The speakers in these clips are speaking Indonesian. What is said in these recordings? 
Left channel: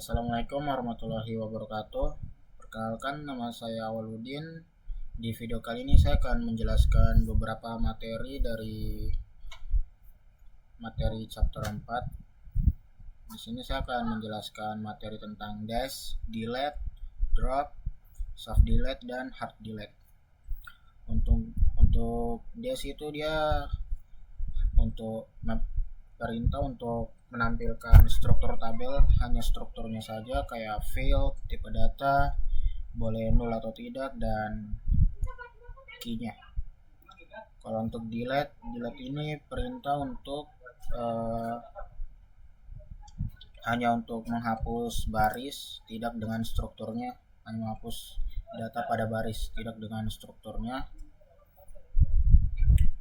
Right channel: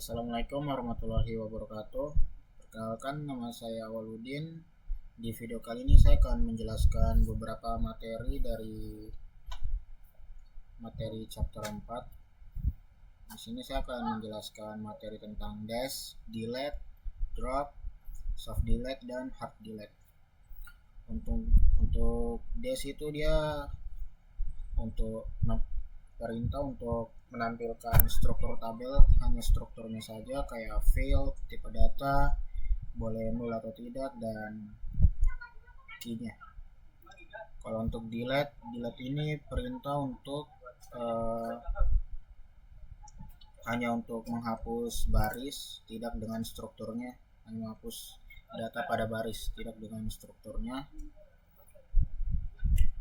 Assalamualaikum warahmatullahi wabarakatuh. Perkenalkan, nama saya Awaludin. Di video kali ini saya akan menjelaskan beberapa materi dari materi chapter 4. Di sini saya akan menjelaskan materi tentang dash, delete, drop, soft delete, dan hard delete. Untuk dash itu dia untuk perintah untuk menampilkan struktur tabel, hanya strukturnya saja, kayak field, tipe data, boleh nol atau tidak, dan key-nya. Kalau untuk delete ini perintah untuk hanya untuk menghapus baris, tidak dengan strukturnya, hanya menghapus data pada baris, tidak dengan strukturnya.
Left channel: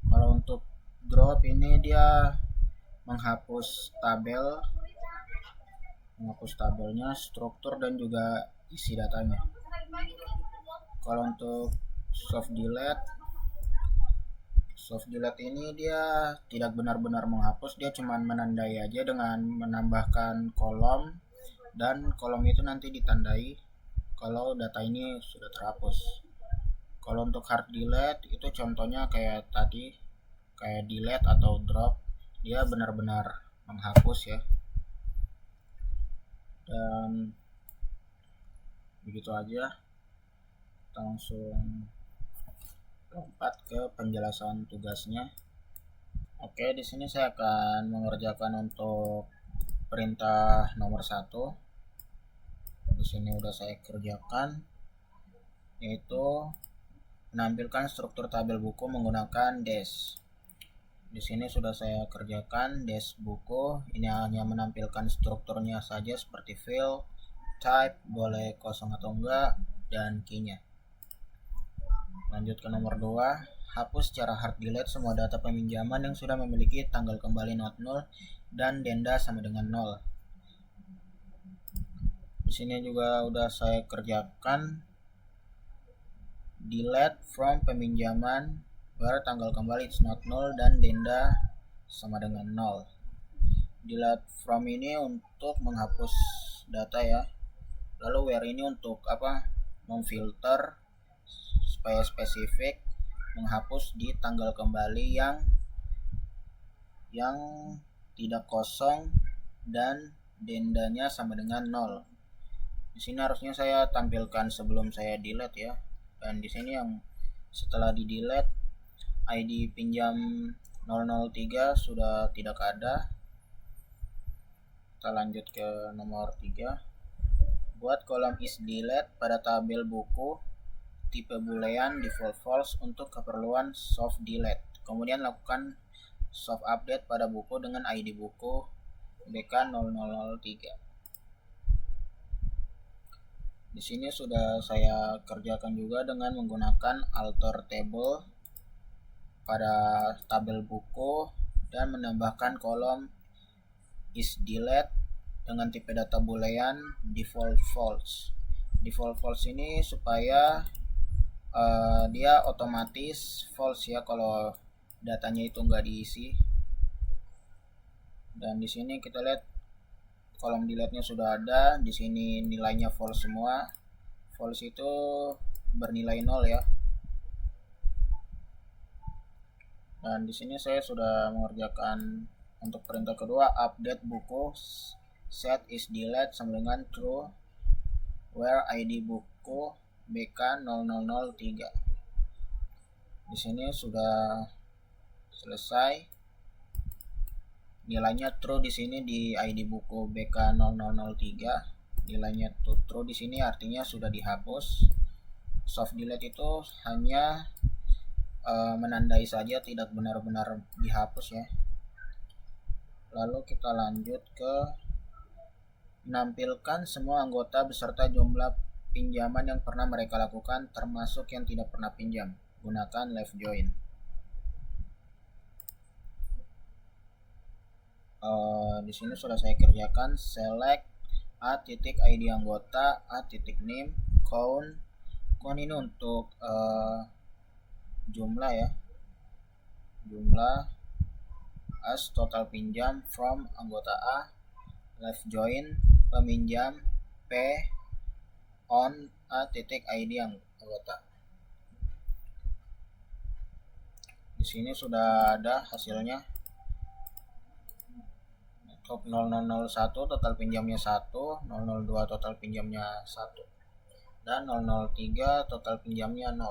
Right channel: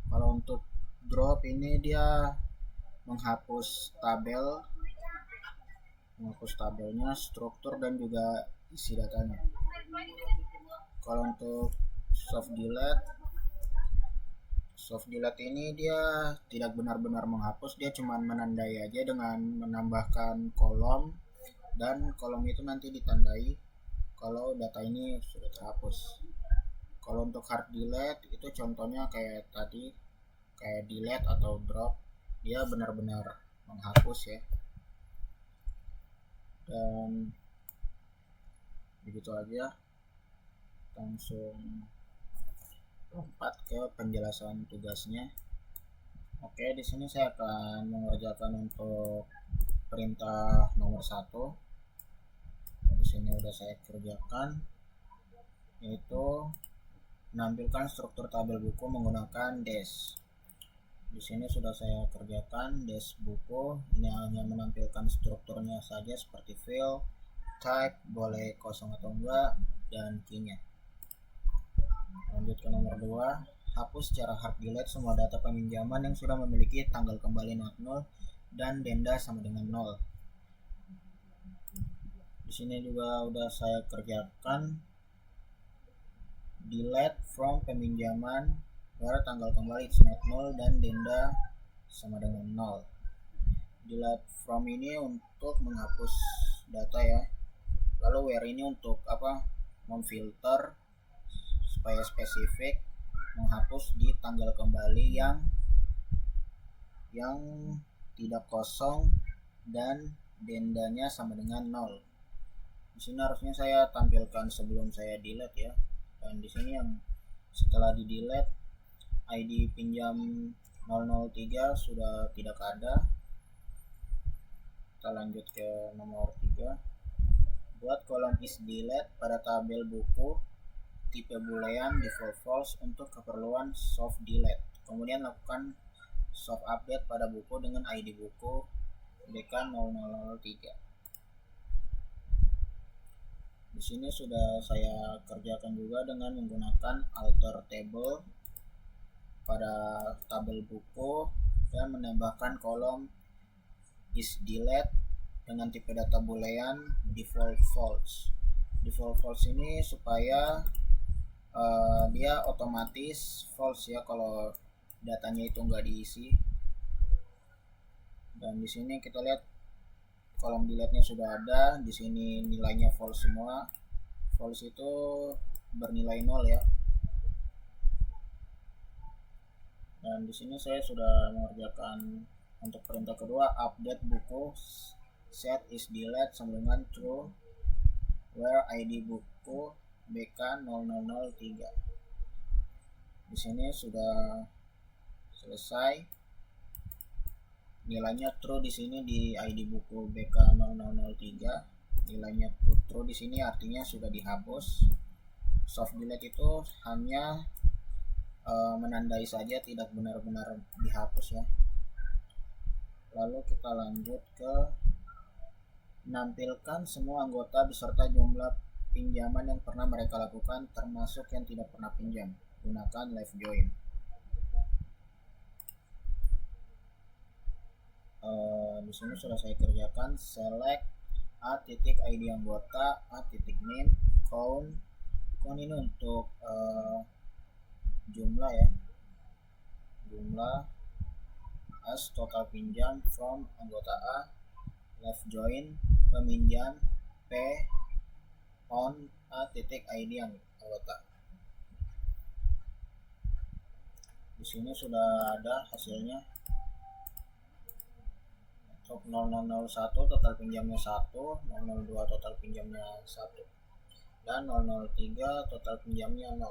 Kalau untuk drop ini dia menghapus tabelnya, struktur, dan juga isi datanya. Kalau untuk soft delete ini dia tidak benar-benar menghapus, dia cuma menandai aja dengan menambahkan kolom, dan kolom itu nanti ditandai kalau data ini sudah terhapus. Kalau untuk hard delete itu contohnya kayak tadi, kayak delete atau drop, dia benar-benar menghapus ya. Dan begitu aja, kita langsung lompat ke penjelasan tugasnya. Oke, di sini saya akan mengerjakan untuk perintah nomor 1. Di sini udah saya kerjakan, yaitu menampilkan struktur tabel buku menggunakan dash. Di sini sudah saya kerjakan dash buku. Ini hanya menampilkan strukturnya saja seperti field, type, boleh kosong atau enggak, dan key-nya. Lanjut ke nomor 2, hapus secara hard delete semua data peminjaman yang sudah memiliki tanggal kembali not 0 dan denda sama dengan 0. Di sini juga udah saya kerjakan delete from peminjaman where tanggal kembali it's not 0 dan denda sama dengan 0. Delete from ini untuk menghapus data ya. Lalu where ini untuk memfilter supaya spesifik, menghapus di tanggal kembali yang tidak kosong dan dendanya sama dengan 0. Di sini harusnya saya tampilkan sebelum saya delete ya. Dan di sini yang setelah di delete, ID pinjam 003 sudah tidak ada. Kita lanjut ke nomor 3. Buat kolom is delete pada tabel buku tipe boolean default false untuk keperluan soft delete. Kemudian lakukan soft update pada buku dengan ID buku BK0003. Di sini sudah saya kerjakan juga dengan menggunakan alter table pada tabel buku dan menambahkan kolom is delete dengan tipe data boolean default false. Default false ini supaya dia otomatis false ya kalau datanya itu nggak diisi. Dan di sini kita lihat kolom delete-nya sudah ada. Di sini nilainya false semua. False itu bernilai 0 ya. Dan di sini saya sudah mengerjakan untuk perintah kedua, update buku set is delete sama dengan true where ID buku BK0003. Di sini sudah selesai. Nilainya true di sini di ID buku BK0003. Nilainya true di sini artinya sudah dihapus. Soft delete itu hanya menandai saja, tidak benar-benar dihapus ya. Lalu kita lanjut ke menampilkan semua anggota beserta jumlah pinjaman yang pernah mereka lakukan termasuk yang tidak pernah pinjam. Gunakan left join. Di sini sudah saya kerjakan select a.id anggota, a.name, count ini untuk jumlah ya, jumlah as total pinjam from anggota A, left join peminjam P on a titik ID anggota. Di sini sudah ada hasilnya. Untuk 0001 total pinjamnya 1, 002 total pinjamnya 1, dan 003 total pinjamnya 0.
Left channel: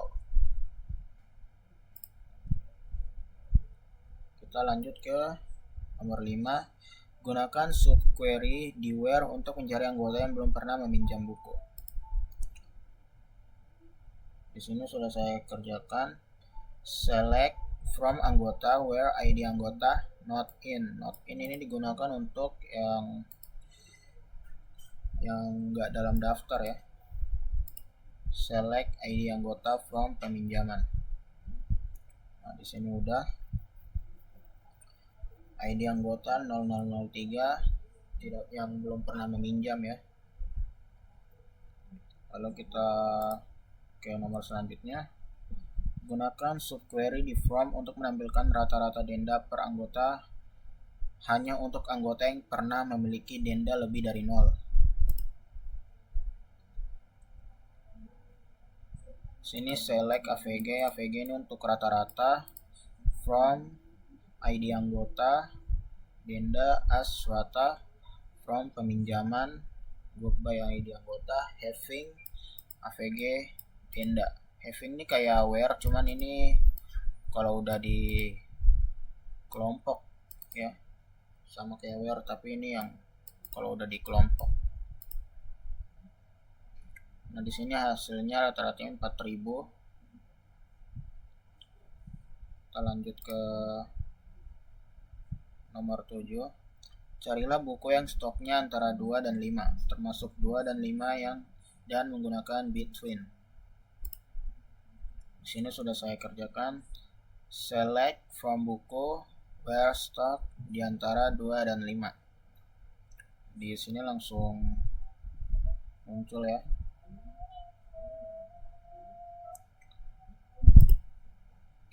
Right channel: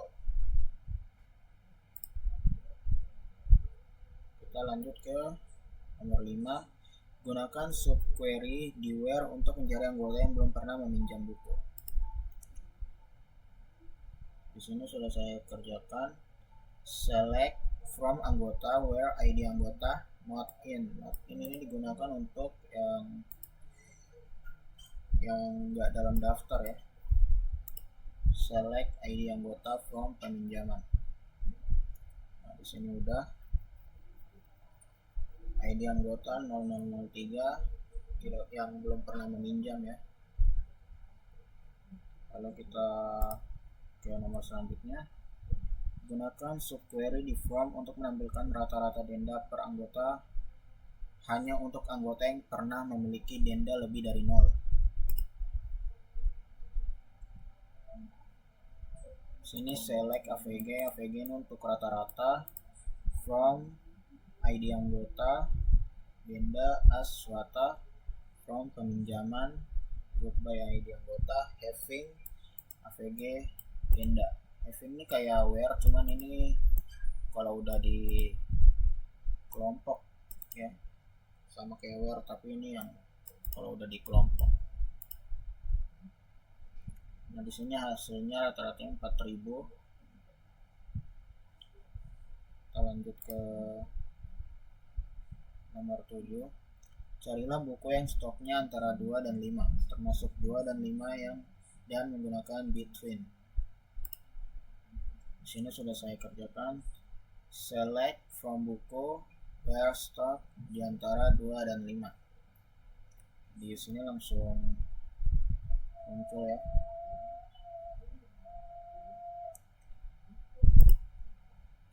Kita lanjut ke nomor 5. Gunakan subquery di where untuk mencari anggota yang belum pernah meminjam buku. Di sini sudah saya kerjakan. Select from anggota where ID anggota not in. Not in ini digunakan untuk yang enggak dalam daftar ya. Select ID anggota from peminjaman. Nah, di sini udah ID anggota 0003 tidak yang belum pernah meminjam ya. Lalu kita ke nomor selanjutnya. Gunakan subquery di form untuk menampilkan rata-rata denda per anggota hanya untuk anggota yang pernah memiliki denda lebih dari 0. Sini select AVG. AVG ini untuk rata-rata. From ID anggota, denda as rata, from peminjaman, group by ID anggota, having, AVG, denda. Having ini kayak where, cuman ini kalau udah di kelompok ya, sama kayak where, tapi ini yang kalau udah di kelompok. Nah, di sini hasilnya rata-rata 4.000. Kita lanjut ke nomor 7. Carilah buku yang stoknya antara 2 dan 5, termasuk 2 dan 5 dan menggunakan between. Di sini sudah saya kerjakan. Select from buku where stock di antara 2 dan 5. Di sini langsung muncul ya.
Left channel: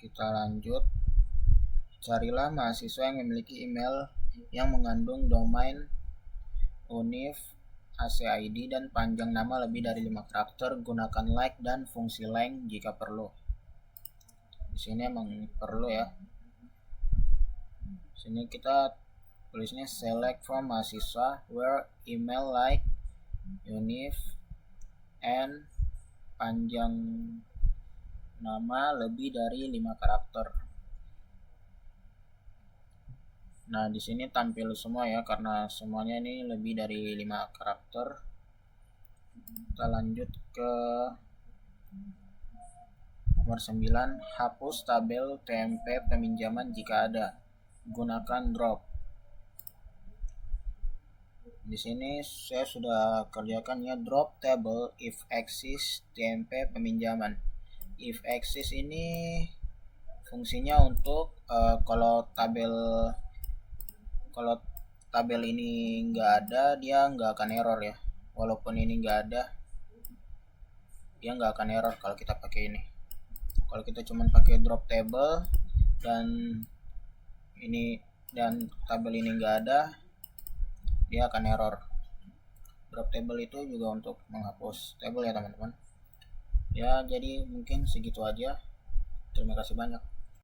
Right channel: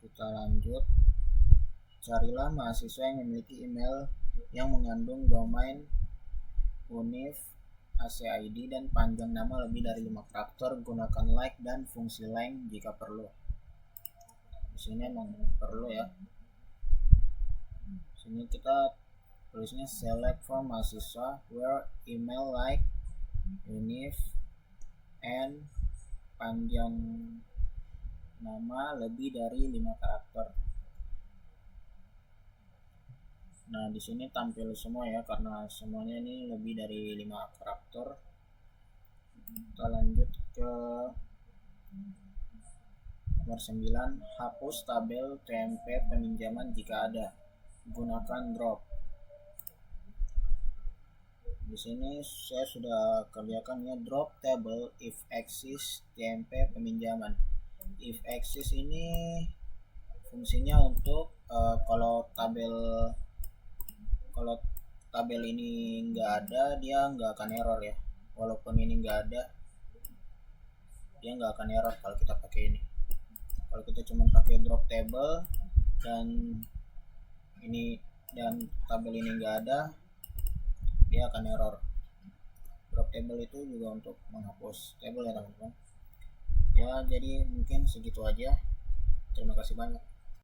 Kita lanjut. Carilah mahasiswa yang memiliki email yang mengandung domain, univ, ACID, dan panjang nama lebih dari 5 karakter. Gunakan like dan fungsi length jika perlu. Di sini emang perlu ya. Di sini kita tulisnya select from mahasiswa where email, like, univ, and panjang nama lebih dari 5 karakter. Nah, di sini tampil semua ya karena semuanya ini lebih dari 5 karakter. Kita lanjut ke nomor 9. Hapus tabel TMP peminjaman jika ada. Gunakan drop. Di sini saya sudah kerjakan ya, drop table if exist TMP peminjaman. If exist ini fungsinya untuk kalau tabel ini nggak ada, dia nggak akan error ya. Walaupun ini nggak ada, dia nggak akan error kalau kita pakai ini. Kalau kita cuma pakai drop table dan tabel ini nggak ada, dia akan error. Drop table itu juga untuk menghapus tabel ya teman-teman. Ya, jadi mungkin segitu aja. Terima kasih banyak.